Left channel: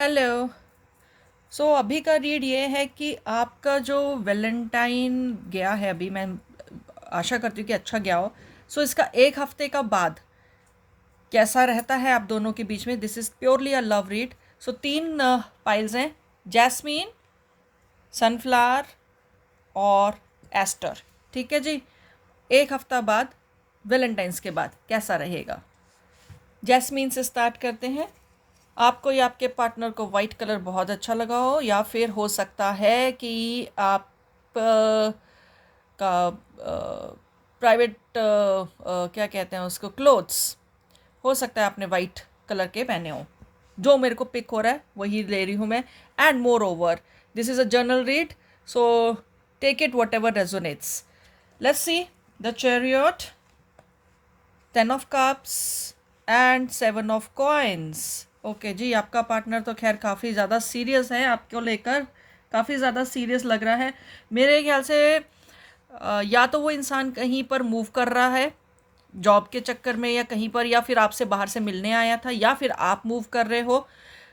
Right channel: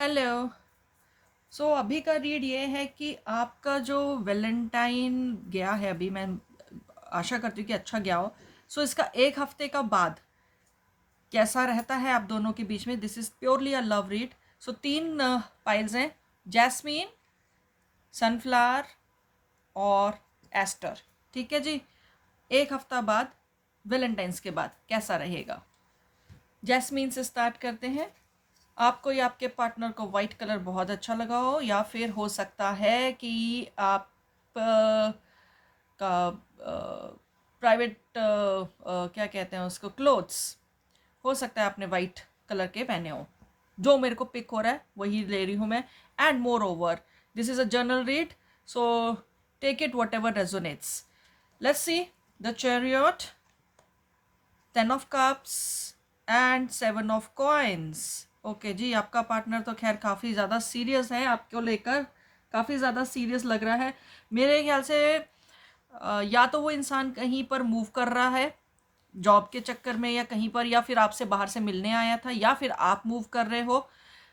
Hello. अभी का read ये है कि आपका जो वैलेंटाइन गया है, अभी मैं आशा करती हूँ कि अच्छा गया हो। इसका एक हफ्ते का बाद कैसा रहता है आप दोनों के बीच में। This is purely a love read. तीन पाइल्स हैं: जैस्मीन, सनफ्लावर और एस्टर। ठीक है जी। एक हफ्ता बाद, वैलेंटाइंस के बाद कैसा रहेगा। जैस्मीन से स्टार्ट करते हैं। आपको या आपके पार्टनर को वाइट कलर बहुत अच्छा लगा हो, या फिर हो सकता है कि आप का प्राइवेट क्या कहते हैं उसको, क्लोथ्स, हो सकता है आपने वाइट कलर के पहने हो। जो मेरे को पिक हो रहा है वही ले रही हूँ मैं। And moreover, this is a journal read, so take it whatever resonates. Let's see the chariot, 10 of cups and 7 of coins। Okay जी, आपका पार्टनर तो खैर काफ़ी ज़्यादा सीरियस है आपको लेकर, काफ़ी ज़्यादा सीरियस लग रहा है मेरे ख्याल से। या तो वो इंसान कहीं पर मूव कर रहा है जॉब के चक्कर में, या कहीं पर, या फिर आपसे बाहर से मिलने आया था, या फिर आप मूव कर रहे हो।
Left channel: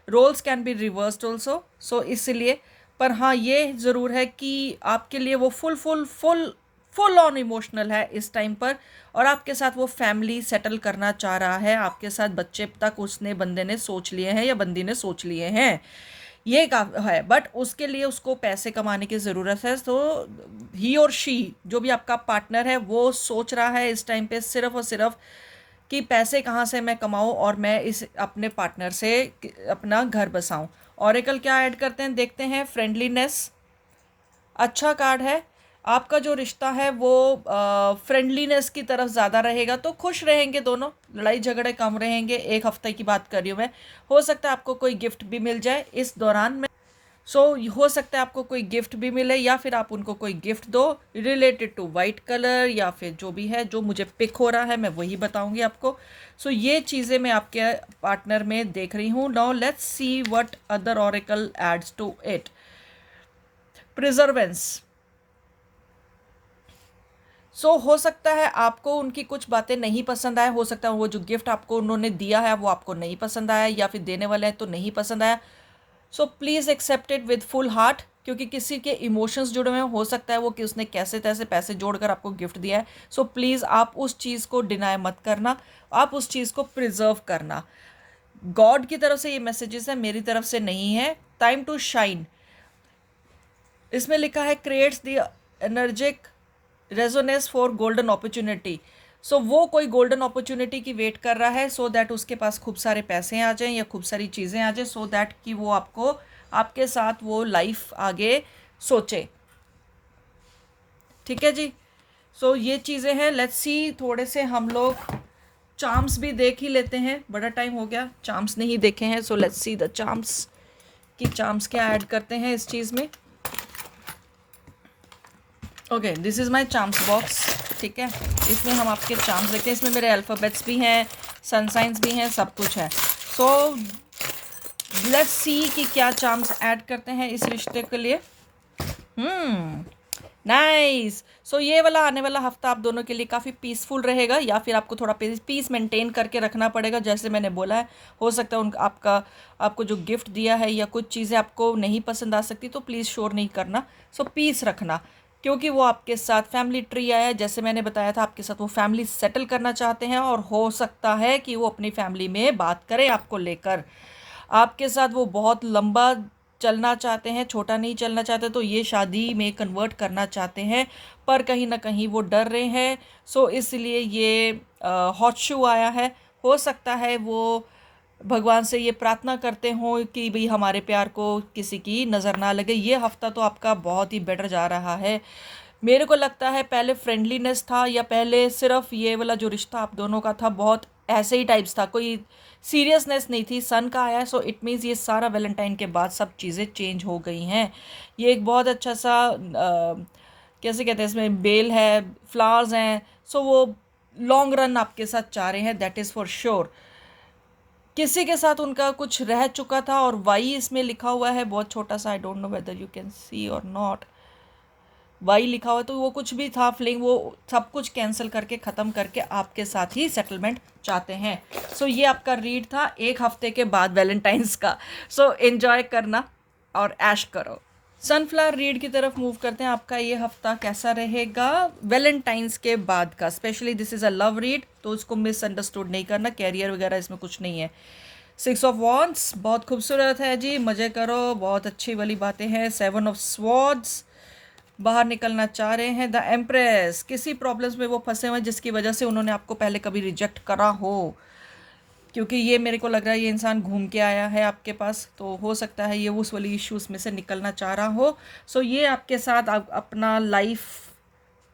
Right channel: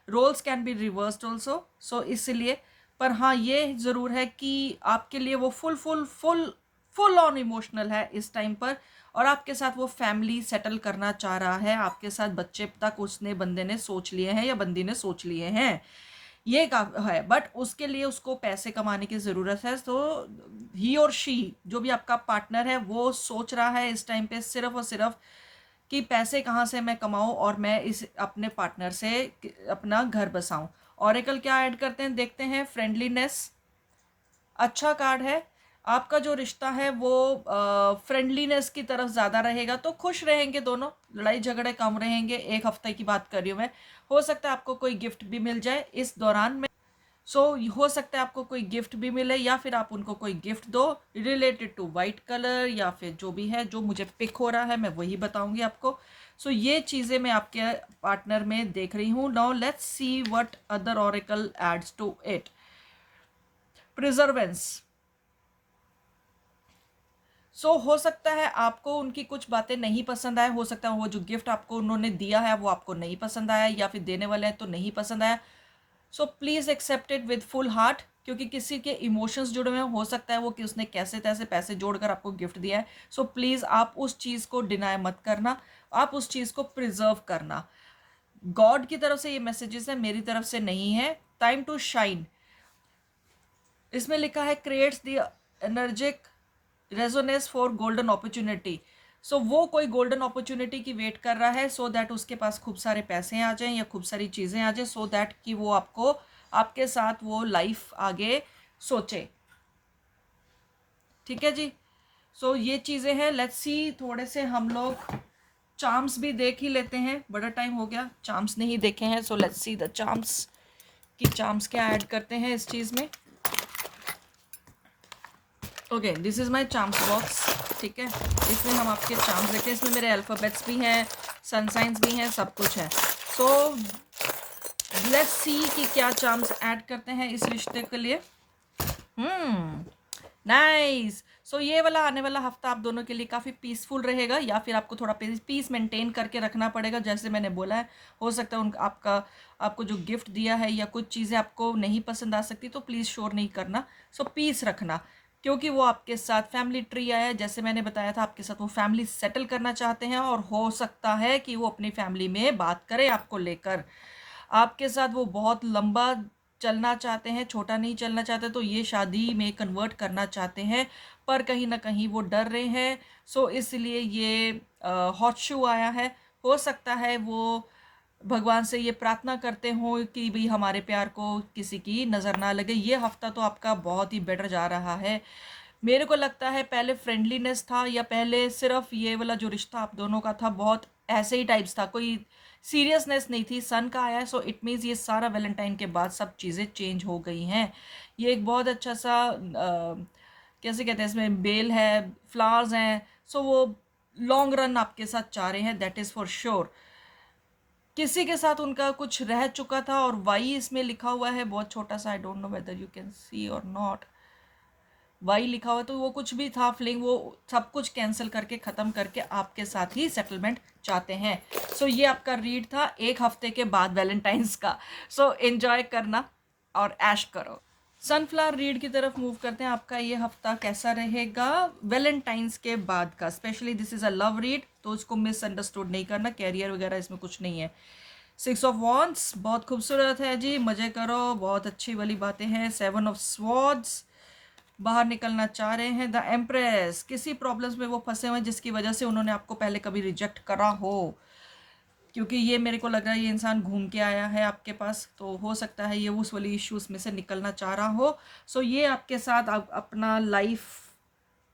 Roles can be reversed also, so इसलिए। पर हाँ, ये ज़रूर है कि आपके लिए वो full full full full on emotional है इस टाइम पर। और आपके साथ वो फैमिली सेटल करना चाह रहा है, आपके साथ बच्चे तक उसने, बंदे ने सोच लिए हैं या बंदी ने सोच लिए हैं। ये का है, बट उसके लिए उसको पैसे कमाने की ज़रूरत है। ही और शी, जो भी आपका पार्टनर है, वो सोच रहा है इस टाइम पे सिर्फ और सिर्फ कि पैसे कहाँ से मैं कमाऊँ और मैं इस अपने पार्टनर से अपना घर बसाऊँ। ऑरेकल क्या ऐड करते हैं देखते हैं। फ्रेंडलीनेस अच्छा कार्ड है। आपका जो रिश्ता है वो फ्रेंडलीनेस की तरफ ज़्यादा रहेगा, तो खुश रहेंगे दोनों, लड़ाई झगड़े कम रहेंगे। एक हफ्ते की बात कर रही हूँ मैं। हो सकता है आपको कोई गिफ्ट भी मिल जाए इस दौरान में। हो सकता है आपको कोई गिफ्ट भी मिले, या फिर आप उनको कोई गिफ्ट दो रिलेटेड टू वाइट कलर, या फिर जो भी है, जो मुझे पिक हो रहा है मैं वही बताऊंगी आपको। ये चीज़ें मैं आपके पार्टनर में देख रही हूँ। Now let's see what other oracle adds to it. Perseverance. हो सकता है आपको उनकी कुछ बातें नहीं पसंद आए, हो सकता है वो जो गिफ्ट आपको उन्होंने दिया है वो आपको नहीं पसंद आया, या फिर देने वाले हैं तो नहीं पसंद आया। Please accept it with full heart, क्योंकि किसी के इमोशंस जुड़े हुए हैं। हो सकता है वो कि उसने कैसे तैसे पैसे जोड़कर आपको गिफ्ट दिया है। प्लीज़ आप उस चीज़ को डिनाई मत करना, आप उस चीज़ को प्रिजर्व करना। गॉड की तरफ से ये मैसेजेस है, मेरी तरफ से नहीं है। टाइम टू शाइन, इसमें लिखा है creates the energic resonance for golden opportunity. वो कोई गोल्डन अपॉर्चुनिटी की वेट कर रहा है, सो दैट उसके पास खूब सारे पैसे आ जाएं या खूब सारी चीज़ें आ जाएं, सो दैट कि वो आपको, आपके साथ वो लाइफ आगे सोचे। ठीक है जी। ये चीज़ें हैं। लेट्स सी, थोड़े से हम लोग चार्म्स भी देख ही लेते हैं, बड़ा टाइम हो गया चार्म्स नहीं देखे हैं। लेट्स सी द चार्म्स, कि चार्म्स क्या ऐड करते हैं इस चीज़ में। Okay, this is my charms box. ठीक है, इसमें हम आपके चार्म्स देखते हैं। इसमें मेरे अल्फ़ाबेट्स भी हैं, सन साइंस भी हैं, सब कुछ है। लेट्स सी कि क्या चार्म्स ऐड करते हैं इस रिश्ते के लिए। नाइस। ये वाला आने वाला हफ्ता आप दोनों के लिए काफ़ी पीसफुल रहेगा, या फिर आपको थोड़ा पीस मेंटेन करके रखना पड़ेगा, जैसे मैंने बोला है। हो सकता है उन आपका, आपको जो गिफ्ट दिया है या कुछ चीज़ें आपको नहीं पसंद आ सकती, तो प्लीज़ शोर नहीं करना। पीस रखना, क्योंकि वो आपके साथ फैमिली ट्री आया है, जैसे मैंने बताया था, आपके साथ वो फैमिली सेटल करना चाहते हैं, और हो सकता है कि वो अपनी फैमिली में बात करें आपको लेकर। आपके साथ वो बहुत लंबा चलना चाहते हैं, छोटा नहीं चलना चाहते, तो ये शादी में कन्वर्ट करना चाहते हैं, पर कहीं ना कहीं वो डर रहे हैं। इसलिए ये हॉट शू आया है। हो सकता है वो भगवान से ये प्रार्थना करते हों कि भाई हमारे प्यार को किसी की नज़र ना लगे। ये हफ्ता तो आपका बहुत ही बेटर जा रहा है। मेरे को लगता है पहले फ्रेंडलीनेस था, या पहले सिर्फ ये वाला जो रिश्ता आप दोनों का था बहुत ऐसे ही टाइप्स था, कोई सीरियसनेस नहीं थी। सन का आया है, इट मीन्स ये सारा वैलेंटाइन के बाद सब चीज़ें चेंज हो गई हैं। ये एक बहुत अच्छा सा कैसे कहते हैं, इसमें बेल है, फ्लावर्स हैं। वो लॉन्ग रन आपके साथ चाह रहे हैं, दैट इज़ फॉर श्योर। किसी के साथ उनका कुछ रह चुका था, और वाई इसमें लिखा हुआ है बहुत छोटा सा, I don't know whether you can see और नॉट। वाई लिखा हुआ, तो वो कुछ भी था फीलिंग, वो सब कुछ कैंसिल करके ख़त्म करके आपके साथ ही सेटलमेंट चाहते हैं। सो ये आपका रीड था 1 हफ्ते के बाद वैलेंटाइंस का। सो एंजॉय करना और ऐश करो। सनफ्लावर रीड की तरफ मूव करते हैं। आपका ये हफ्ता कैसा रहेगा वैलेंटाइंस के बाद का। Specially this is a love read, तो इसको मिसअंडरस्टूड नहीं करना, कैरियर वगैरह इसमें कुछ नहीं है। 6 ऑफ वॉन्ड्स बहुत खूबसूरत है जी, मज़े करो, बहुत अच्छी वाली बातें हैं। 7 ऑफ स्वॉर्ड्स बाहर निकलना चाह रहे हैं। द एम्प्रेस किसी प्रॉब्लम्स में वो फंसे हुए हैं जिसकी वजह से उन्होंने आपको पहले कभी रिजेक्ट करा हो, क्योंकि ये मेरे को लग रहा है ये इंसान घूम के आया है आपके पास, तो हो सकता है ये उस वाली इश्यूज़ में से निकलना चाह रहा हो। सो ये आपके साथ अपना लाइफ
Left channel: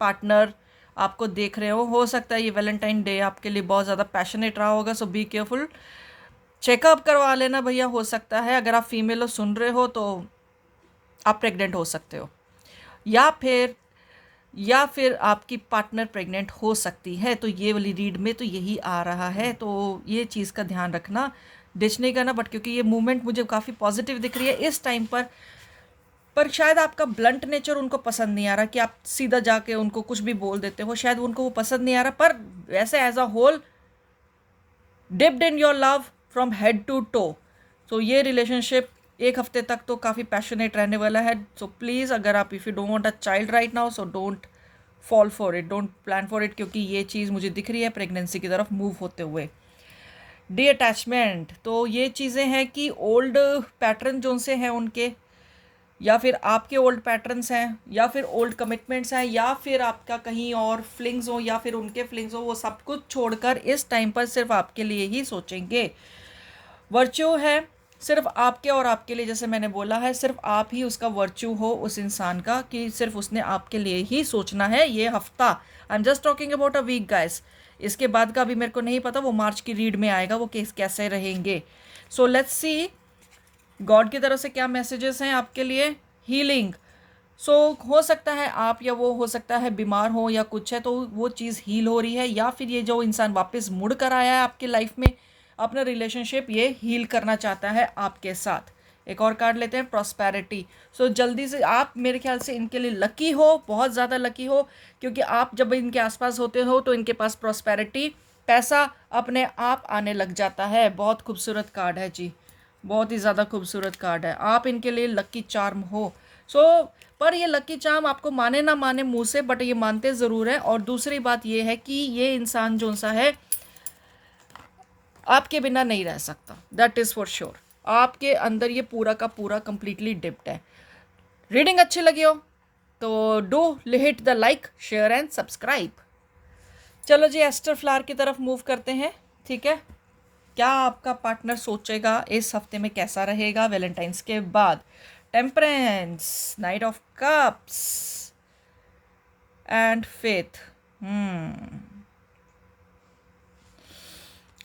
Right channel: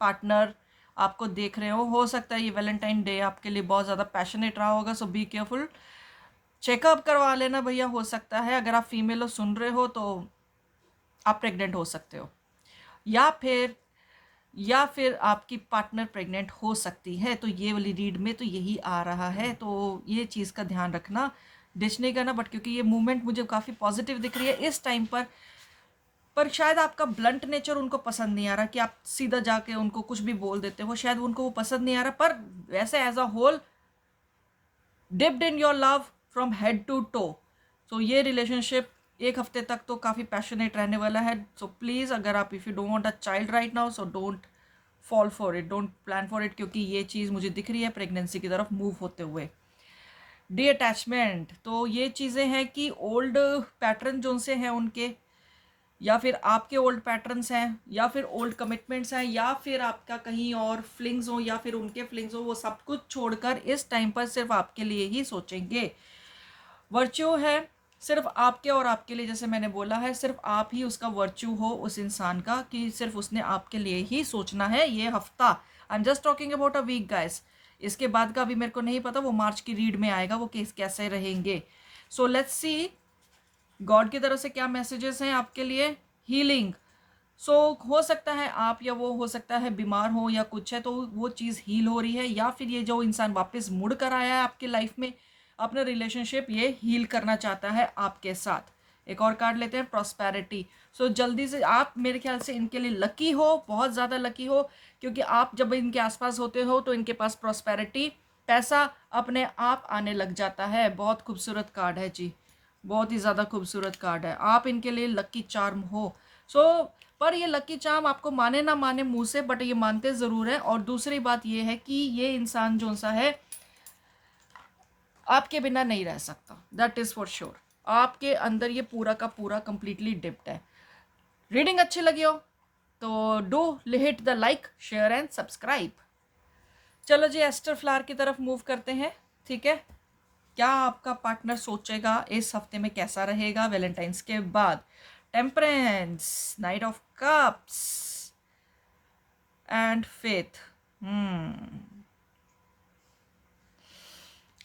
पार्टनर आपको देख रहे हो सकता है ये वैलेंटाइन डे आपके लिए बहुत ज़्यादा पैशनेट रहा होगा। सो बी केयरफुल, चेकअप करवा लेना भैया। हो सकता है अगर आप फीमेल हो सुन रहे हो तो आप प्रेग्नेंट हो सकते हो, या फिर आपकी पार्टनर प्रेग्नेंट हो सकती है। तो ये वाली रीड में तो यही आ रहा है, तो ये चीज़ का ध्यान रखना, डिच नहीं करना। बट क्योंकि ये मूवमेंट मुझे काफ़ी पॉजिटिव दिख रही है इस टाइम पर शायद आपका ब्लंट नेचर उनको पसंद नहीं आ रहा कि आप सीधा जाके उनको कुछ भी बोल देते हो, शायद उनको वो पसंद नहीं आ रहा। पर वैसे as a whole dipped in your love from head to toe. तो ये रिलेशनशिप 1 हफ्ते तक तो काफ़ी पैशनेट रहने वाला है। सो प्लीज़, अगर आप if you don't want a child right now, so don't fall for it, don't plan for it, क्योंकि ये चीज़ मुझे दिख रही है प्रेगनेंसी की तरफ मूव होते हुए। डी अटैचमेंट, तो ये चीज़ें हैं कि ओल्ड पैटर्न जो से हैं उनके, या फिर आपके ओल्ड पैटर्न्स हैं, या फिर ओल्ड कमिटमेंट्स हैं, या फिर आपका कहीं और फ्लिंग्स हो, या फिर उनके फ्लिंग्स हो, वो सब कुछ छोड़कर इस टाइम पर सिर्फ आपके लिए ही सोचेंगे। वर्च्यू है सिर्फ आपके और आपके लिए, जैसे मैंने बोला है सिर्फ आप ही उसका वर्च्यू हो उस इंसान का, कि सिर्फ उसने आपके लिए ही सोचना है ये हफ्ता। I am just talking about a week guys, इसके बाद का अभी मेरे को नहीं पता, वो मार्च की रीड में आएगा वो कैसे रहेंगे। सो लेट्स सी गॉड की तरफ से क्या मैसेजेस हैं आपके लिए। हीलिंग, सो हो सकता है आप या वो हो सकता है बीमार हो या कुछ है, तो वो चीज़ हील हो रही है, या फिर ये जो इंसान वापस मुड़ कर आया है आपकी लाइफ में, अपना रिलेशनशिप ये हील करना चाहता है आपके साथ। एक और कार्ड लेते हैं, प्रॉस्पेरिटी। सो जल्दी से आप मेरे ख्याल से इनके लिए लकी हो, बहुत ज़्यादा लकी हो, क्योंकि आप जब इनके आसपास होते हो तो इनके पास प्रॉस्पेरिटी, पैसा अपने आप आने लग जाता है। बहुत खूबसूरत कार्ड है जी, बहुत ही ज़्यादा खूबसूरत कार्ड है। आप इनके लिए लकी चार्म हो। सो पर ये लकी चार्म आपको माने ना माने मुंह से, बट ये मानते ज़रूर हैं। और दूसरी बात ये है कि ये इंसान जो सा है आपके बिना नहीं रह सकता, दैट इज़ फॉर श्योर। आपके अंदर ये पूरा का पूरा कंप्लीटली डिप्ट है। रीडिंग अच्छी लगी हो तो do hit the like, share and subscribe. चलो जी, एस्टर फ्लावर की तरफ मूव करते हैं। ठीक है, क्या आपका पार्टनर सोचेगा इस हफ्ते में, कैसा रहेगा वैलेंटाइंस के बाद। Temperance, night of cups and faith.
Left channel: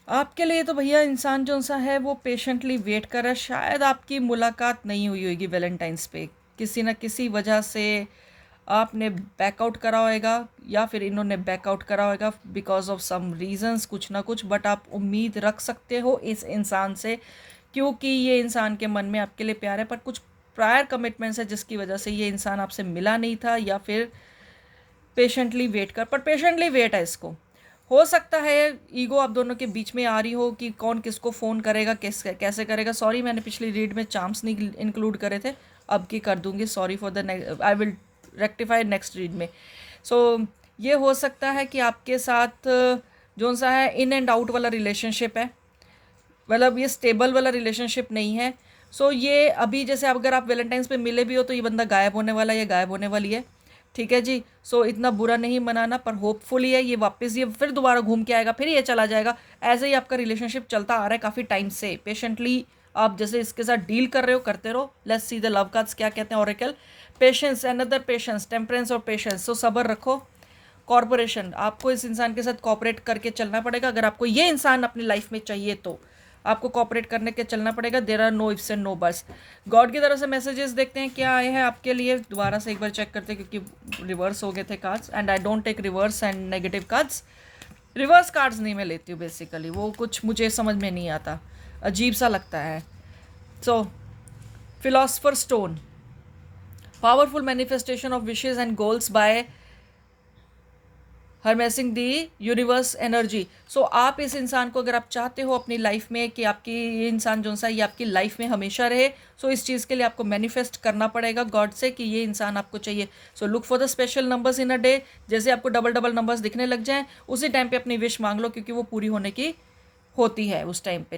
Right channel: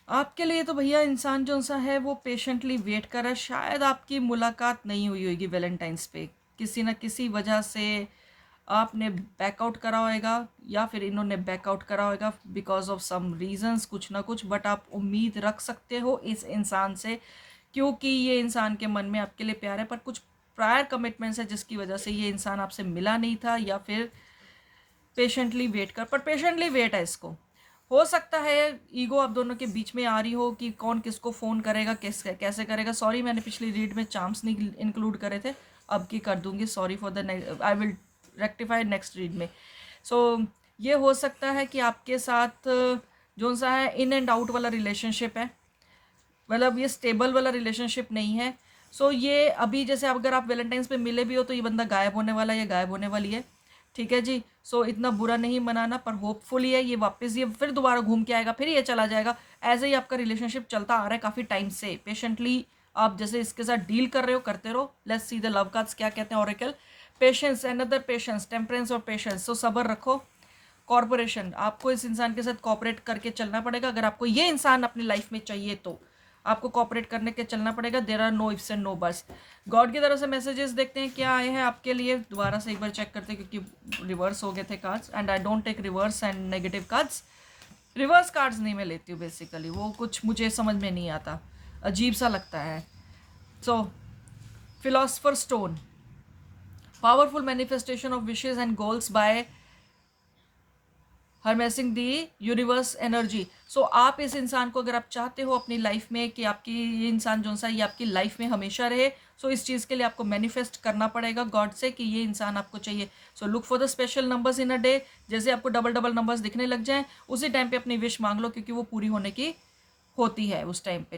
आपके लिए तो भैया इंसान जो सा है वो पेशेंटली वेट कर रहा है। शायद आपकी मुलाकात नहीं हुई होगी वैलेंटाइंस पे, किसी न किसी वजह से आपने बैकआउट करा होगा, या फिर इन्होंने बैकआउट करा होगा बिकॉज ऑफ सम रीजंस, कुछ ना कुछ। बट आप उम्मीद रख सकते हो इस इंसान से, क्योंकि ये इंसान के मन में आपके लिए प्यार है, पर कुछ प्रायर कमिटमेंट्स है जिसकी वजह से ये इंसान आपसे मिला नहीं था, या फिर पेशेंटली वेट कर, पर पेशेंटली वेट है इसको। हो सकता है ईगो आप दोनों के बीच में आ रही हो कि कौन किसको फ़ोन करेगा, कैसे करेगा। सॉरी, मैंने पिछली रीड में चार्म्स नहीं इंक्लूड करे थे, अब की कर दूंगी। Sorry for the I will rectify next read में। सो ये हो सकता है कि आपके साथ जो सा है इन एंड आउट वाला रिलेशनशिप है, मतलब ये स्टेबल वाला रिलेशनशिप नहीं है। सो ये अभी जैसे अगर आप वैलेंटाइंस पे मिले भी हो तो ये बंदा गायब होने वाला है या गायब होने वाली है। ठीक है जी, सो इतना बुरा नहीं मनाना, पर होपफुली है ये वापस ये फिर दोबारा घूम के आएगा, फिर ये चला जाएगा। ऐसे ही आपका रिलेशनशिप चलता आ रहा है काफ़ी टाइम से। पेशेंटली आप जैसे इसके साथ डील कर रहे हो, करते रहो। Let's see the love cards क्या कहते हैं Oracle. Patience, another patience, temperance और पेशेंस। सो सब्र रखो। कॉर्पोरेशन, आपको इस इंसान के साथ कॉपरेट करके चलना पड़ेगा। अगर आपको ये इंसान अपनी लाइफ में चाहिए तो आपको कॉपरेट करने के चलना पड़ेगा। There are no ifs and no buts. God की तरफ से मैसेजेस देखते हैं क्या आए हैं आपके लिए। दोबारा से एक बार चेक करते हैं क्योंकि रिवर्स हो गए थे cards, and I don't take reverse and negative cards. Reverse cards नहीं मैं लेती हूँ बेसिकली, वो कुछ मुझे समझ में नहीं आता, अजीब सा लगता है। So philosopher stone, powerful manifestation of wishes and goals by harnessing the universe energy. So आप इस इंसान को अगर आप चाहते हो अपनी लाइफ में कि आपकी ये इंसान जो सा ये आपकी लाइफ में हमेशा रहे, सो इस चीज़ के लिए आपको मैनिफेस्ट करना पड़ेगा गॉड से कि ये इंसान आपको चाहिए। So look for the special numbers in a day. जैसे आपको डबल डबल नंबर्स दिखने लग जाएं, उसी टाइम पे अपनी विश मांग लो, क्योंकि वो पूरी होने की होती है उस टाइम पे।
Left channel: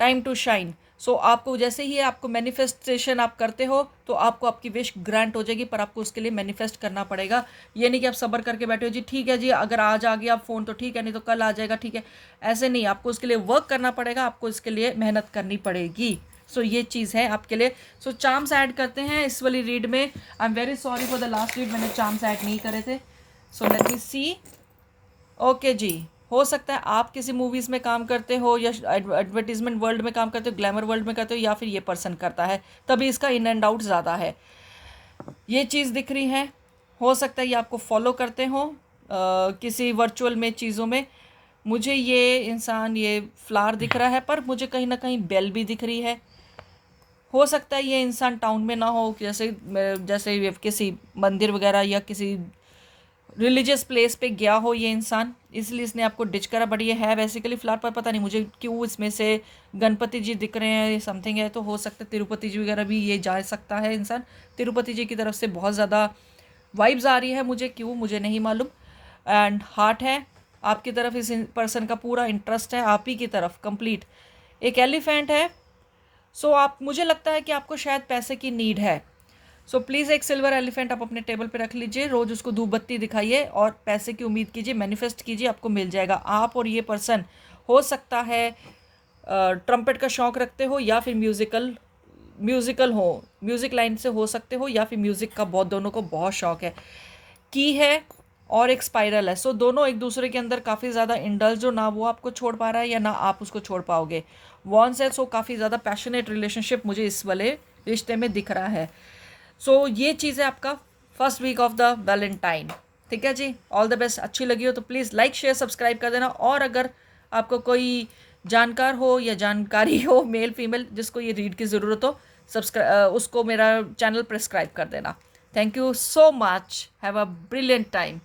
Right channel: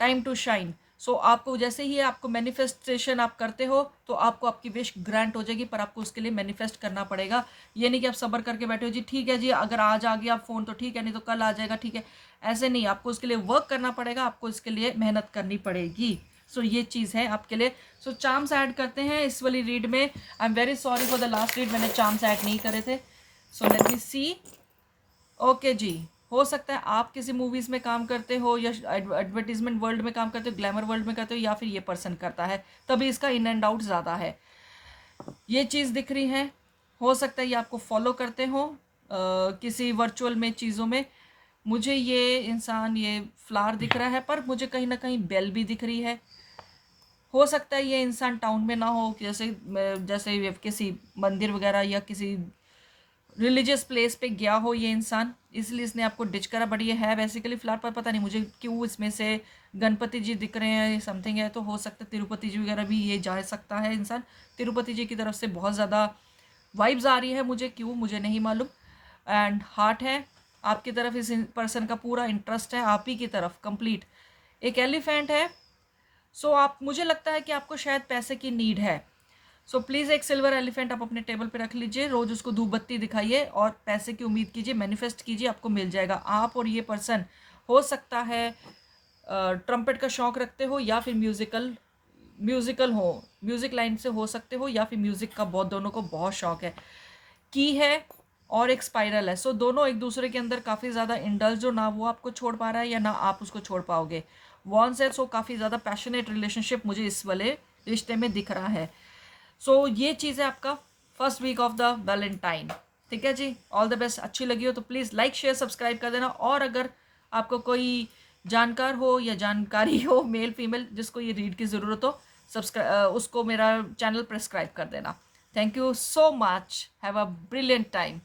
Time to shine. सो आपको जैसे ही आपको मैनिफेस्टेशन आप करते हो तो आपको आपकी विश ग्रांट हो जाएगी, पर आपको उसके लिए मैनिफेस्ट करना पड़ेगा। ये नहीं कि आप सब्र करके बैठे हो जी ठीक है जी, अगर आज आ गया फ़ोन तो ठीक है, नहीं तो कल आ जाएगा ठीक है। ऐसे नहीं, आपको उसके लिए वर्क करना पड़ेगा, आपको इसके लिए मेहनत करनी पड़ेगी। सो ये चीज़ है आपके लिए। सो चार्म्स ऐड करते हैं इस वाली रीड में। I am very sorry for the last read, मैंने चार्म्स ऐड नहीं करे थे। सो लेट मी सी। ओके जी, हो सकता है आप किसी मूवीज़ में काम करते हो या एडवर्टीजमेंट वर्ल्ड में काम करते हो, ग्लैमर वर्ल्ड में करते हो, या फिर ये पर्सन करता है, तभी इसका इन एंड आउट ज़्यादा है। ये चीज़ दिख रही है। हो सकता है ये आपको फॉलो करते हो किसी वर्चुअल में चीज़ों में। मुझे ये इंसान ये फ्लावर दिख रहा है, पर मुझे कहीं ना कहीं बेल भी दिख रही है। हो सकता है ये इंसान टाउन में ना हो, जैसे जैसे ये किसी मंदिर वगैरह या किसी रिलीजियस प्लेस पे गया हो ये इंसान, इसलिए इसने आपको डिच करा। बट ये है बेसिकली फ्लावर, पर पता नहीं मुझे क्यों इसमें से गणपति जी दिख रहे हैं, समथिंग है। तो हो सकता है तिरुपति जी वगैरह भी ये जा सकता है इंसान। तिरुपति जी की तरफ से बहुत ज़्यादा वाइब्स आ रही है मुझे, क्यों मुझे नहीं मालूम। एंड हार्ट है आपकी तरफ, इस पर्सन का पूरा इंटरेस्ट है आप ही की तरफ कंप्लीट। एक एलिफेंट है। सो आप, मुझे लगता है कि आपको शायद पैसे की नीड है। सो प्लीज़ एक सिल्वर एलिफेंट आप अपने टेबल पे रख लीजिए, रोज़ उसको धूप बत्ती दिखाइए और पैसे की उम्मीद कीजिए, मैनिफेस्ट कीजिए, आपको मिल जाएगा। आप और ये पर्सन हो सकता है ट्रम्पेट का शौक़ रखते हो, या फिर म्यूज़िकल हो, म्यूज़िक लाइन से हो सकते हो, या फिर म्यूज़िक का बहुत, दोनों को बहुत शौक़ है। की है और एक स्पाइरल है। सो दोनों एक दूसरे के अंदर काफ़ी ज़्यादा इंडल्ज हो, ना वो आपको छोड़ पा रहा है या ना आप उसको छोड़ पाओगे। वॉन्स है। सो काफ़ी ज़्यादा पैशनेट रिलेशनशिप मुझे इस वाले रिश्ते में दिख रहा है। सो ये चीज़ है आपका first week of the Valentine. ठीक है जी, ऑल द बेस्ट। अच्छी लगी हो तो प्लीज़ लाइक शेयर सब्सक्राइब कर देना। और अगर आपको कोई जानकार हो या जानकारी हो, मेल फीमेल, जिसको ये रीड की ज़रूरत हो, उसको मेरा चैनल प्रेस्क्राइब कर देना। Thank you so much. Have a brilliant time.